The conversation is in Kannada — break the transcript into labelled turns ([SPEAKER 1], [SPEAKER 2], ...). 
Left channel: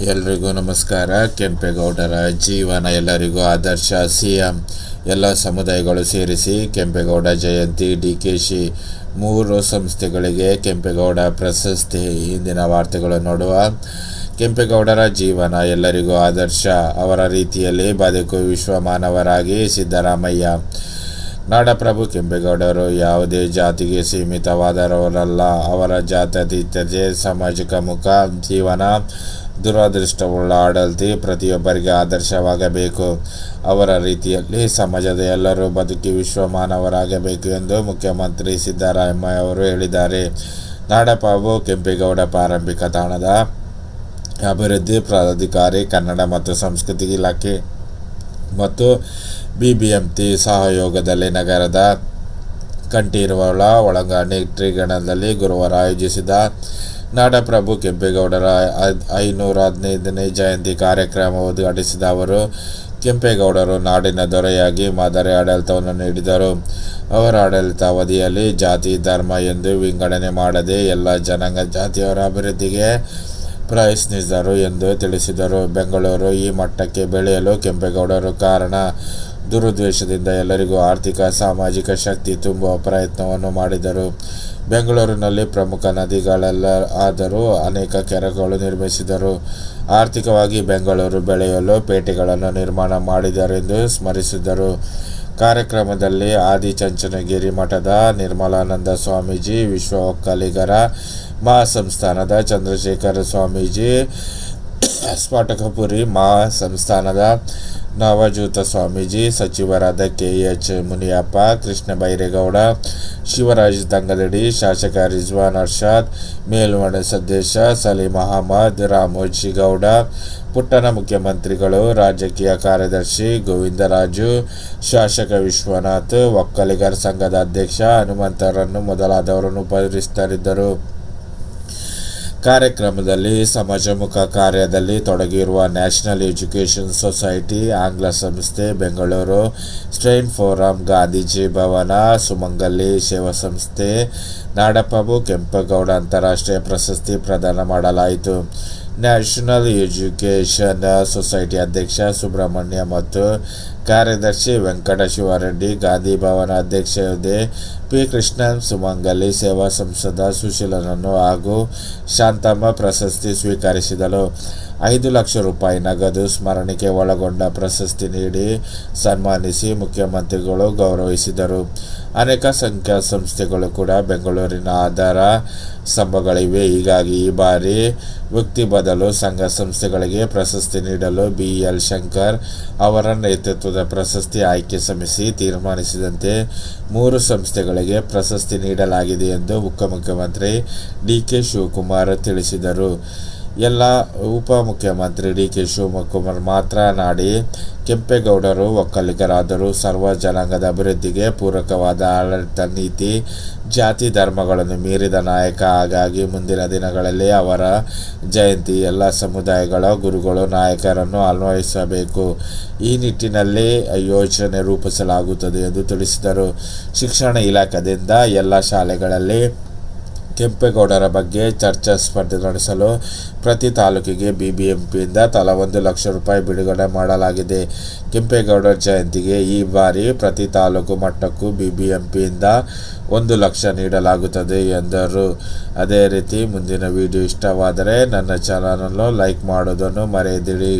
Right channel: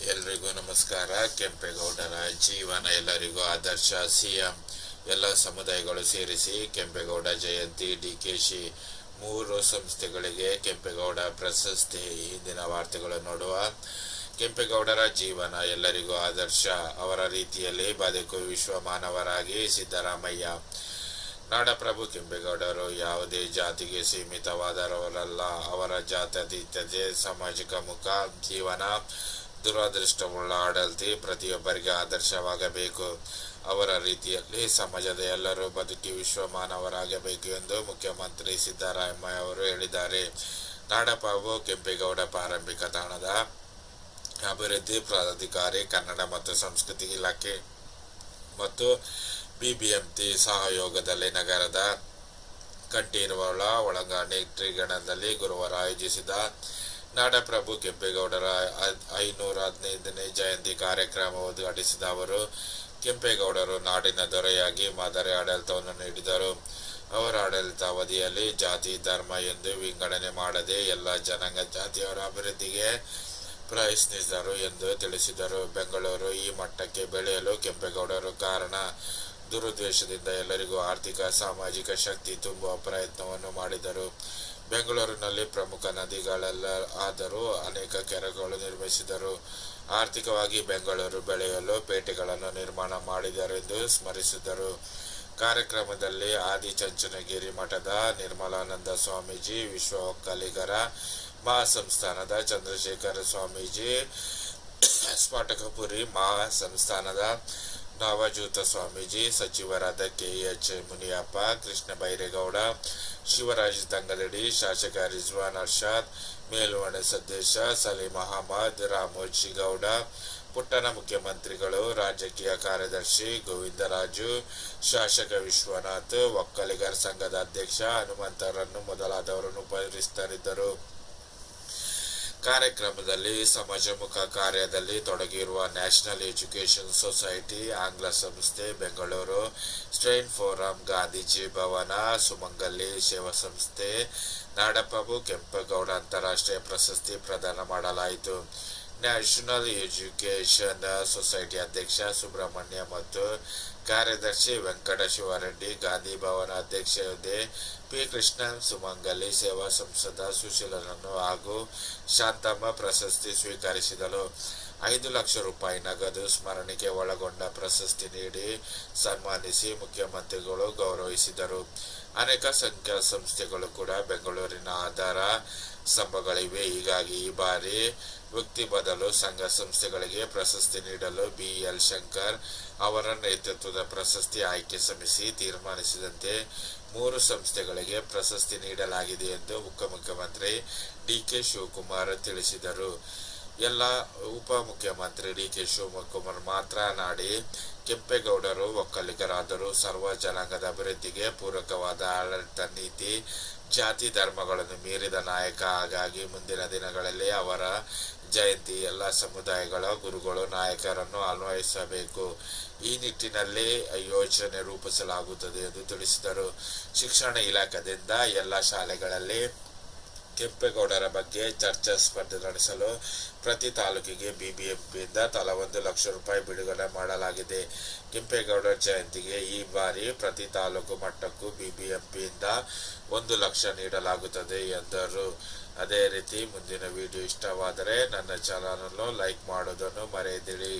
[SPEAKER 1] ಎಲ್ರಿಗೂ ನಮಸ್ಕಾರ. ಕೆಂಪೇಗೌಡರ ಜೀವನ ಎಲ್ಲರಿಗೂ ಆದರ್ಶ. ಸಿ ಎಂ ಎಲ್ಲ ಸಮುದಾಯಗಳು ಸೇರಿಸಿ ಕೆಂಪೇಗೌಡ ಜಯಂತಿ ಡಿ ಕೆ ಶಿ ಮೂರು ಸಂಸ್ಥೆಗಳಿಗೆ ಕೆಂಪೇಗೌಡ ಪ್ರಶಸ್ತಿ. ಇಂದಿನ ವಾರ್ತೆಗಳು ನೋಡುವ ಕೆಂಪೇಗೌಡರ ಜೀವನ ಎಲ್ಲರಿಗೂ ಆದರ್ಶ. ಅವರ ರೀತಿಯಲ್ಲಿ ಬದುಕು ವಿಶ್ವ ಮಾನವರಾಗಿ ಸಿದ್ದರಾಮಯ್ಯ. ನಾಡಪ್ರಭು ಕೆಂಪೇಗೌಡರು ಯಾವುದೇ ಜಾತಿಗೆ ಸೀಮಿತವಾದರವರಲ್ಲ ಅವರ ಜಾತ್ಯತೀತತೆ ಸಾಮಾಜಿಕ ಮುಖ, ಜೀವನ ದುರದೃಷ್ಟವುಳ್ಳ ಆಡಳಿತ ಪ್ರತಿಯೊಬ್ಬರಿಗೆ ಆದರ್ಶವಾಗಬೇಕು. ಅವರ ರೀತಿಯಲ್ಲಿ ಸಮಾಜದ ಎಲ್ಲರೂ ಬದುಕಿ ವಿಶ್ವಮಾನವರಾಗಬೇಕು ಎಂದು ಮುಖ್ಯಮಂತ್ರಿ ಸಿದ್ದರಾಮಯ್ಯ ಅವರು ಹೇಳಿದ್ದಾರೆ. ನಾಡಪ್ರಭು ಕೆಂಪೇಗೌಡ ಪ್ರಾರಂಭಿಕ ತಾಣದ ಅಭಿವೃದ್ಧಿ ಪ್ರಾಧಿಕಾರಿ, ಕನ್ನಡ ಮತ್ತು ಸಂಸ್ಕೃತಿ ಇಲಾಖೆ ಮತ್ತು ಬಿಬಿಎಂಪಿ ಸಹಯೋಗದಲ್ಲಿ ನಗರದ ಕಂಠೀರವಳ, ಒಳಾಂಗಣ ಟ್ರಿಗಣದಲ್ಲಿ ಗುರುವಾರ ಆಯೋಜಿಸಿದ ನಾಡಪ್ರಭು ಕೆಂಪೇಗೌಡರ ಐನೂರ ಹದಿನೈದನೇ ಜಯಂತಿ ಕಾರ್ಯಕ್ರಮ ಉದ್ಘಾಟಿಸಿದ ಅವರು, ಕೆಂಪೇಗೌಡರು ನಾಡಿನ ದೊರೆಯಾಗಿ ಮಾದರಿ ಆಡಳಿತವನ್ನು ನೀಡಿದರು. ಅವರ ಆಡಳಿತಾವಧಿಯಲ್ಲಿ ಜಾತಿ, ಧರ್ಮ ಎಂದು ವಿಂಗಡಣೆ ಮಾಡದೆ ಎಲ್ಲ ಜನಾಂಗ ಜಾತಿಯವರ ಅಭಿವೃದ್ಧಿಗೆ ಪ್ರಯತ್ನಿಸಿದರು ಎಂದು ತಿಳಿಸಿದರು. ಬೆಂಗಳೂರು ಈ ಮಟ್ಟಕ್ಕೆ ಬೆಳೆಯಲು ಕೆಂಪೇಗೌಡರು ಕಾರಣ, ದುರುದ್ದೇಶದಿಂದ ಎಲ್ಲರಿಗೂ ಆರ್ಥಿಕ, ಸಾಮಾಜಿಕ ಶಕ್ತಿ ತುಂಬುವ ಪ್ರಯತ್ನವನ್ನು ಮಾಡಿದರು. ಬೆಂಗಳೂರಿನಲ್ಲಿ ಪ್ರಮುಖ ನದಿಗಳೆಲ್ಲ ಆದರೂ ಅನೇಕ ಕೆರೆಗಳು ನಿರ್ಮಿಸಿದರು. ಆರ್ಥಿಕವಾಗಿ ಬೆಂಗಳೂರು ಬೆಳೆಯಲು ಪೇಟೆಗಳನ್ನು ನಿರ್ಮಾಣ ಮಾಡಿದರೆಂದು ಸ್ಮರಿಸಿದರು. ಕಾರ್ಯಕ್ರಮದಲ್ಲಿ ಆದಿಚಂಚನಗಿರಿ ಮಠದ ನಿರ್ಮಲಾನಂದ ಸ್ವಾಮೀಜಿ, ವಿಶ್ವ ಒಕ್ಕಲಿಗರ ಮಹಾಸಂಸ್ಥಾನದ ಚಂದ್ರಶೇಖರ ಸ್ವಾಮೀಜಿ ಸ್ಫಾಟಕಪುರಿ ಮಹಾಸಂಸ್ಥಾನದ ನವಜೂತ ಸ್ವಾಮೀಜಿ ಸಚಿವರಾದ ಕೆ ಎಚ್ ಮುನಿಯಪ್ಪ, ಕೃಷ್ಣ ಬೈರೇಗೌಡ, ಶಿವರಾಜ್ ದಂಗದಡಿ, ಶಾಸಕ ರಿಜ್ವಾನ್ ಅರ್ಷಾದ್ ಮೇಲ್ಮನೆ ಸದಸ್ಯ ಸಲೀಂ ಅಹಮದ್ ರಾಮೋಜಿಗೌಡ ಪುಟ್ಟಣ ಮುಖ್ಯಮಂತ್ರಿಗಳು, ರಾಜಕೀಯ ಕಾರ್ಯದರ್ಶಿ ಗೋವಿಂದರಾಜು, ಶಾಸಕ ವಿಶ್ವನಾಥ್, ಒಕ್ಕಲಿಗರ ಸಂಘದ ಅಧ್ಯಕ್ಷ ಹನುಮಂತರನ್ನು ಮೊದಲಾದವರನ್ನು ಉಪಸ್ಥಿತರಿದ್ದರು ಕಾರ್ಯಕ್ರಮದಲ್ಲಿ ಸಮಾಜಮುಖ ಕಾರ್ಯದಲ್ಲಿ ತೊಡಗಿರುವ ನ್ಯಾಷನಲ್ ಎಜುಕೇಷನ್ ಸೊಸೈಟಿ ಆಂಗ್ಲ ಸಂಸ್ಥೆ ಬೆಂಗಳೂರು ಸ್ಟ್ರೈನ್ ಫೋರಂ ಗಾಂಧೀಜಿ ಭವನ ಸುಮಂಗಲ್ಲಿ ಸೇವಾ ಸಂಸ್ಥೆ ನಾಡಪ್ರಭು ಕೆಂಪೇಗೌಡ ಅಂತಾರಾಷ್ಟ್ರೀಯ ಪ್ರಶಸ್ತಿ ಪ್ರದಾನ ಮಾಡಲಾಯಿತು. ನ್ಯಾಷನಲ್ ಎಜುಕೇಷನ್ ಸೊಸೈಟಿ ಅಧ್ಯಕ್ಷ ಸುಬ್ರಹ್ಮಣ್ಯ ಮತ್ತು ಕಾರ್ಯದರ್ಶಿ ವೆಂಕಟ ಶಿವರೆಡ್ಡಿ ಗಾಂಧಿ ಭವನ ಅಧ್ಯಕ್ಷ ಪಿ. ಕೃಷ್ಣನ್ ಸುಮಂಗಲಿ ಸೇವಾ ಸಂಸದ ಸುಶೀಲನನ್ನು ಹಾಗೂ ಶಾಂತಮ್ಮ ಪ್ರಶಸ್ತಿ ಸ್ವೀಕರಿಸಿದಳು. ಐದು ಲಕ್ಷ ರೂಪಾಯಿ ನಗದು ಸ್ಮರಣಿಕೆ ಒಳಗೊಂಡ ಪ್ರಶಸ್ತಿ ನೀಡಿ ಸನ್ಮಾನಿಸಿ ಮುಖ್ಯಮಂತ್ರಿಗಳು ಗೌರವಿಸಿದರು. ಅನೇಕ ಸಂಖ್ಯಾ ಸಂಸ್ಥೆಗಳು ಕೂಡ ಬೆಂಗಳೂರಿನ ಆಧಾರ ಸ್ತಂಭಗಳಿವೆ. ಹೀಗಾಗಿ ಈ ಬಾರಿ ವ್ಯಕ್ತಿ ಬದಲು ಸಂಘ ಸಂಸ್ಥೆಗಳಿಗೆ ಪ್ರಶಸ್ತಿ ನೀಡಲು ಬಿ ಎಲ್ ಶಂಕರ್ ಅವರ ನೇತೃತ್ವದ ಪ್ರಶಸ್ತಿ ಆಯ್ಕೆ ಸಮಿತಿ ತೀರ್ಮಾನಿಸಿದಂತೆ ಮೂರು ಸಂಸ್ಥೆಗಳಿಗೆ ಪ್ರಶಸ್ತಿ ನೀಡಲಾಗಿದೆ ಎಂದು ಉಪಮುಖ್ಯಮಂತ್ರಿ ಡಿ ಕೆ ಶಿವಕುಮಾರ್ ತಿಳಿಸಿದರು. ಎಲ್ಲ ಉಪಮುಖ್ಯಮಂತ್ರಿ ಡಿ ಕೆ ಶಿವಕುಮಾರ್ ಮಾತನಾಡಿ, ಕೆಂಪೇಗೌಡರು ಒಕ್ಕಲಿಗರಾದರೂ ಸರ್ವ ಜನಾಂಗದ ಅಭಿವೃದ್ಧಿಗೆ ಪೂರಕವಾದ ಆಡಳಿತ ನೀತಿ, ಜಾತಿ ಧರ್ಮಗಳನ್ನು ಮೀರಿದ ನಾಯಕ. ಹಾಗಾಗಿ ಮುಂದಿನ ದಿನಗಳಲ್ಲಿ ಅವರ ಜಯಂತಿ ಎಲ್ಲ ಸಮುದಾಯಗಳ ಗುರುಗಳು ನಾಯಕರನ್ನು ಅನ್ವಯಿಸಬೇಕು ಈ ನಿಟ್ಟಿನಲ್ಲಿ ಯೋಜನೆ ರೂಪಿಸಲಾಗುತ್ತದೆ ಎಂದು ತಿಳಿಸಿದರು. ಶಿಕ್ಷಣ ಇಲಾಖೆಯಿಂದ ಎಲ್ಲ ಶಾಲೆಗಳಲ್ಲಿ ಕೆಂಪೇಗೌಡರ ಬಗ್ಗೆ ಚರ್ಚಾ ಸ್ಪರ್ಧೆ ನಡೆಸಲು ಪ್ರತಿ ತಾಲೂಕಿಗೆ ಬಿಬಿಎಂಪಿಯಿಂದ ತಲಾ ಒಂದು ಲಕ್ಷ ರೂಪಾಯಿ ಬಿಡುಗಡೆ ಮಾಡಲಾಗಿದೆ. ಕೆಂಪೇಗೌಡರ ಜಯಂತಿಗೆ ಈ ಬಾರಿ ಪ್ರತಿ ತಾಲೂಕು ಮಟ್ಟಕ್ಕೂ ಬಿಬಿಎಂಪಿಯಿಂದ ಒಂದು ಲಕ್ಷ ನೀಡಲಾಗುತ್ತದೆ ಎಂದರು. ಅದೇ ರೀತಿ ಮುಂದಿನ ವಿಡಿಯೋ ಇಷ್ಟವಾದರೆ ನನ್ನ ಚಾನಲನ್ನು ಲೈಕ್ ಮಾಡೋದನ್ನು ಮರೆಯದಿರಿ.